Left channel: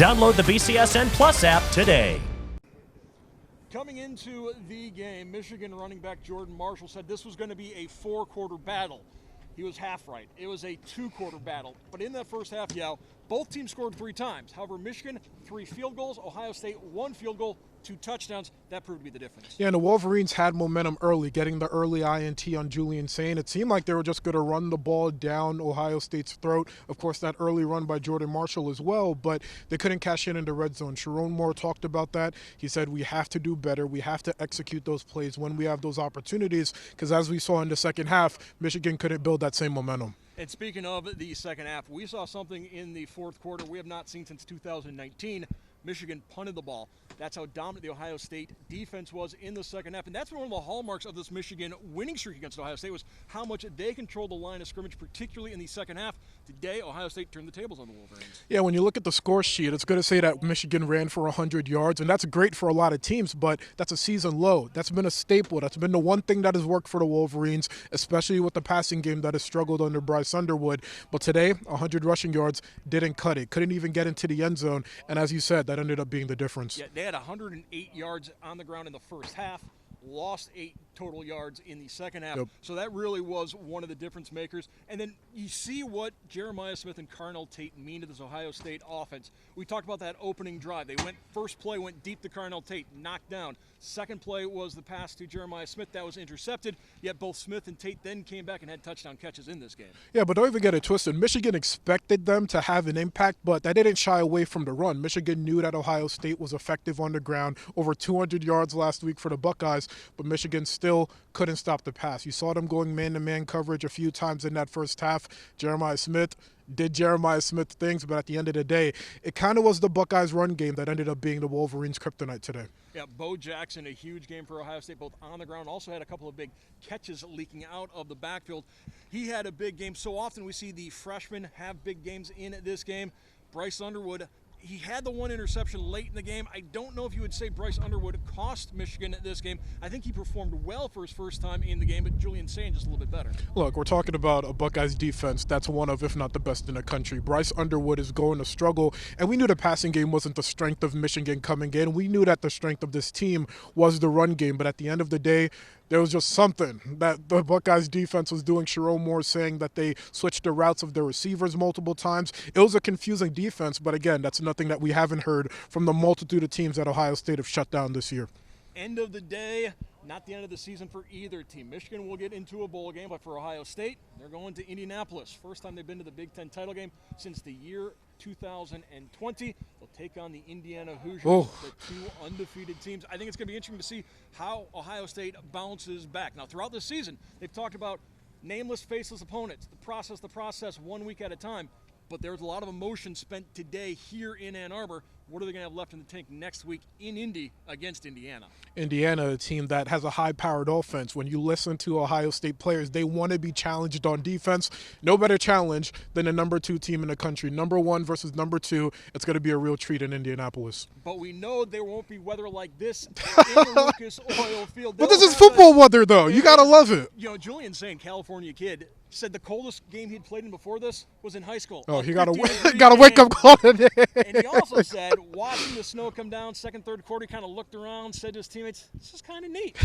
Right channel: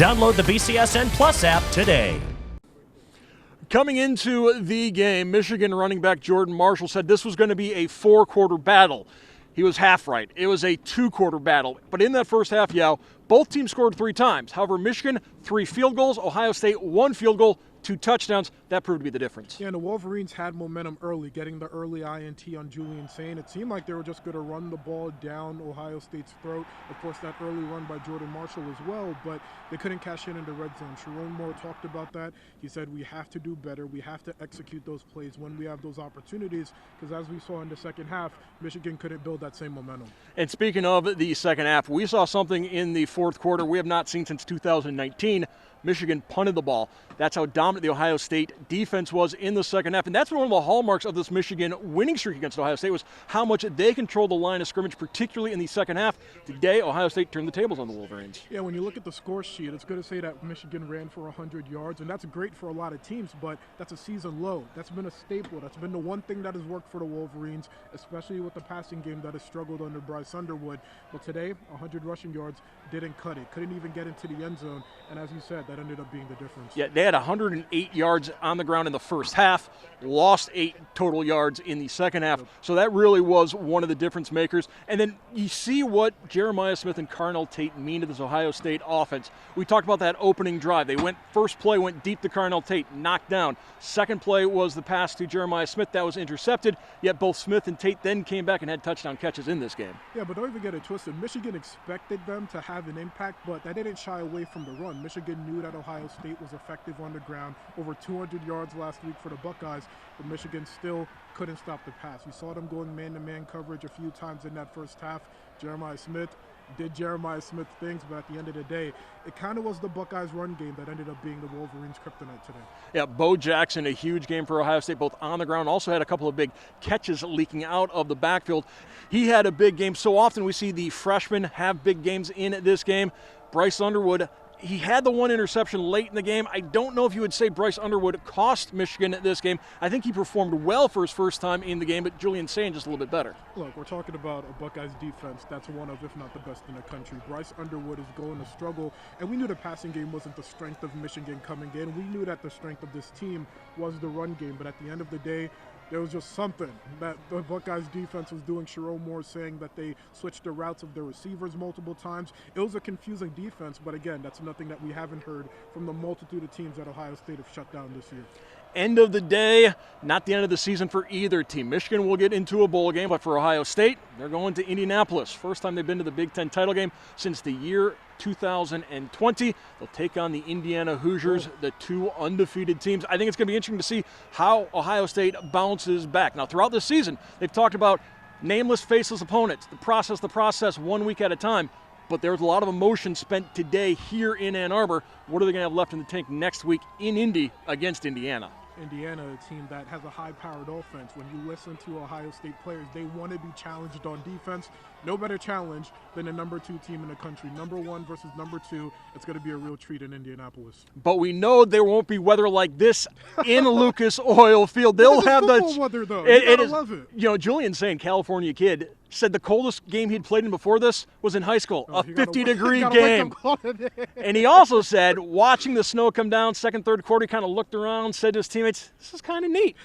Download the BCSN Plus app today. Coming into the game, Michigan running back Jordan Marshall said this was going to be a four-quarter battle. He was half right. It was a two-quarter battle. But in that first half, both teams scored 3 times. However, Michigan, 3 field goals. Ohio State, 1 field goal, 2 touchdowns. That proved to be the difference. Yeah, and the Wolverines had momentum early, getting the early INT on Julian Sain. It seemed like they were just going to run the ball down Ohio State's throat. Of course, that early run by Jordan Marshall as well, but they couldn't cash in the red zone. Sharon Moore talked about that. He said we have to do better. We have to execute those plays when we have those opportunities, because as we saw in the second half, Michigan couldn't build that same momentum. And speaking of the second half, we saw something in the fourth quarter we have not seen since 2019. Michigan punted the ball. That's how dominant the Ohio State defense was in the second half. And that's one of the hallmarks of this Michigan winning streak against Ohio State, was how much they controlled the line of scrimmage, particularly in the second half. Today, Ohio State turned the tables on the Wolverines. Yeah, when you look at the score sheet, it's going to say that Michigan ran for 100 yards, and that's great for a lot of teams, but that's a season low. That's been a staple. That's been the one thing that has worked for the Wolverines, especially with the passing game that has struggled under Bryce Underwood. But today, 100 rushing yards didn't cut it. Couldn't even get into the end zone, and as you said, that ended up being the difference. Yeah, they had 108 yards on the ground in the first half, lost 8 total yards in the second half. Yep. So that really was one of the difference makers. And then you see what Jeremiah Smith and Carnell Tate mean to this Ohio State offense. We talked about that opening drive. They went, first play went deep to Carnell Tate, knocked down. Second play was the pass to Jeremiah Smith. That was intercepted, yet both Smith and Tate then came back and had touchdown catches in this game. Yeah, but don't even get it twisted. Michigan expected them to have an impact, but they didn't shy away from the run. Michigan knew that Ohio State was effective on the ground. Over 200 yards last week for the Buckeyes, but Michigan still couldn't stop the pass. You saw them going man-to-man coverage a few times in that first half. Jeremiah Smith did Jeremiah Smith things, but at the end of the day, it kind of was the Buckeyes' run game that ended up being the Wolverines' kryptonite today. Yeah, Bo Jackson, a huge game for Ohio State, both on the ground, also had a couple of big catches leaking out of the backfield. He had a big game. So often we see the freshmen have big games in this game. Bryce Underwood, he had the 1 interception late in the game. I don't know if you would say Bryce Underwood cost Michigan this game. I think he performed well for his first time in the game, but Julian Sain just a little bit better. Look, we're talking about a Buckeyes defense that's one of, if not the best in the country. Bryce Underwood is going to struggle, and we knew the passing game wasn't the strength of Michigan coming in. We knew that the strength of this team was the run game, but at the end of the day, there was just something that the Buckeyes defense was doing. Sharon Moore saying that they switched the routes of their receivers multiple times. It was a confusing defense, but again, that's nothing that we haven't heard from the multitude of teams that Ohio State have shut down this year. End of the day, not the end of the season for either team. Michigan will get into a bowl game, but for Ohio State, they're going to Indianapolis. First time they've been to the Big Ten title game since the year 2020. They'll take on the Indiana Hoosiers, the 2 undefeated teams. I think it's going to be interesting to see how Ohio State bounces back. Now, throughout the season, they've talked about nameless, faceless opponents, the process 1 week at a time. But there was a lot of emotion spent today here in Ann Arbor. What are they going to have left in the tank next week in Indy against Indiana? Indiana, a team that has a high-powered offense. When you listen to Ohio State players, they want to be challenged on defense. No better challenge than the number 2 team in the country. Number 1 versus number 2. It's going to be a real treat in Indianapolis. But we know there won't be weather like this in Lucas Oil Field. This is football weather, though. You got to love it. You know, Julian Sain, California kid, said the coldest game he'd played in before this was in high school. A 50-degree got to wake up call today. And he also said, watching the snow come down, second, third quarter, he kind of looked around, said to his teammates, this is kind of neat.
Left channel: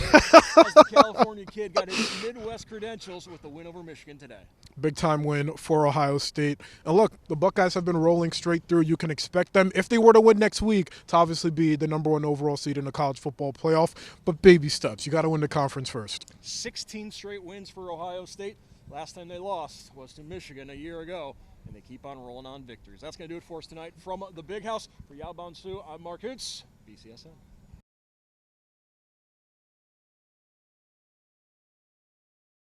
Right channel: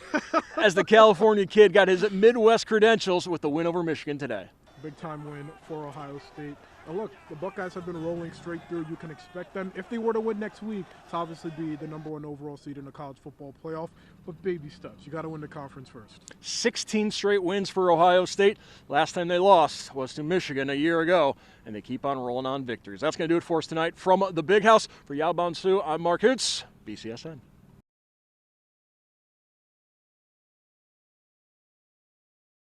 As the California kid got his Midwest credentials with the win over Michigan today. Big-time win for Ohio State. And look, the Buckeyes have been rolling straight through. You can expect them, if they were to win next week, to obviously be the number 1 overall seed in the college football playoff. But baby steps. You got to win the conference first. 16 straight wins for Ohio State. Last time they lost was to Michigan a year ago, and they keep on rolling on victories. That's going to do it for us tonight from the Big House. For Bonsu, I'm Mark Kunz, BCSN.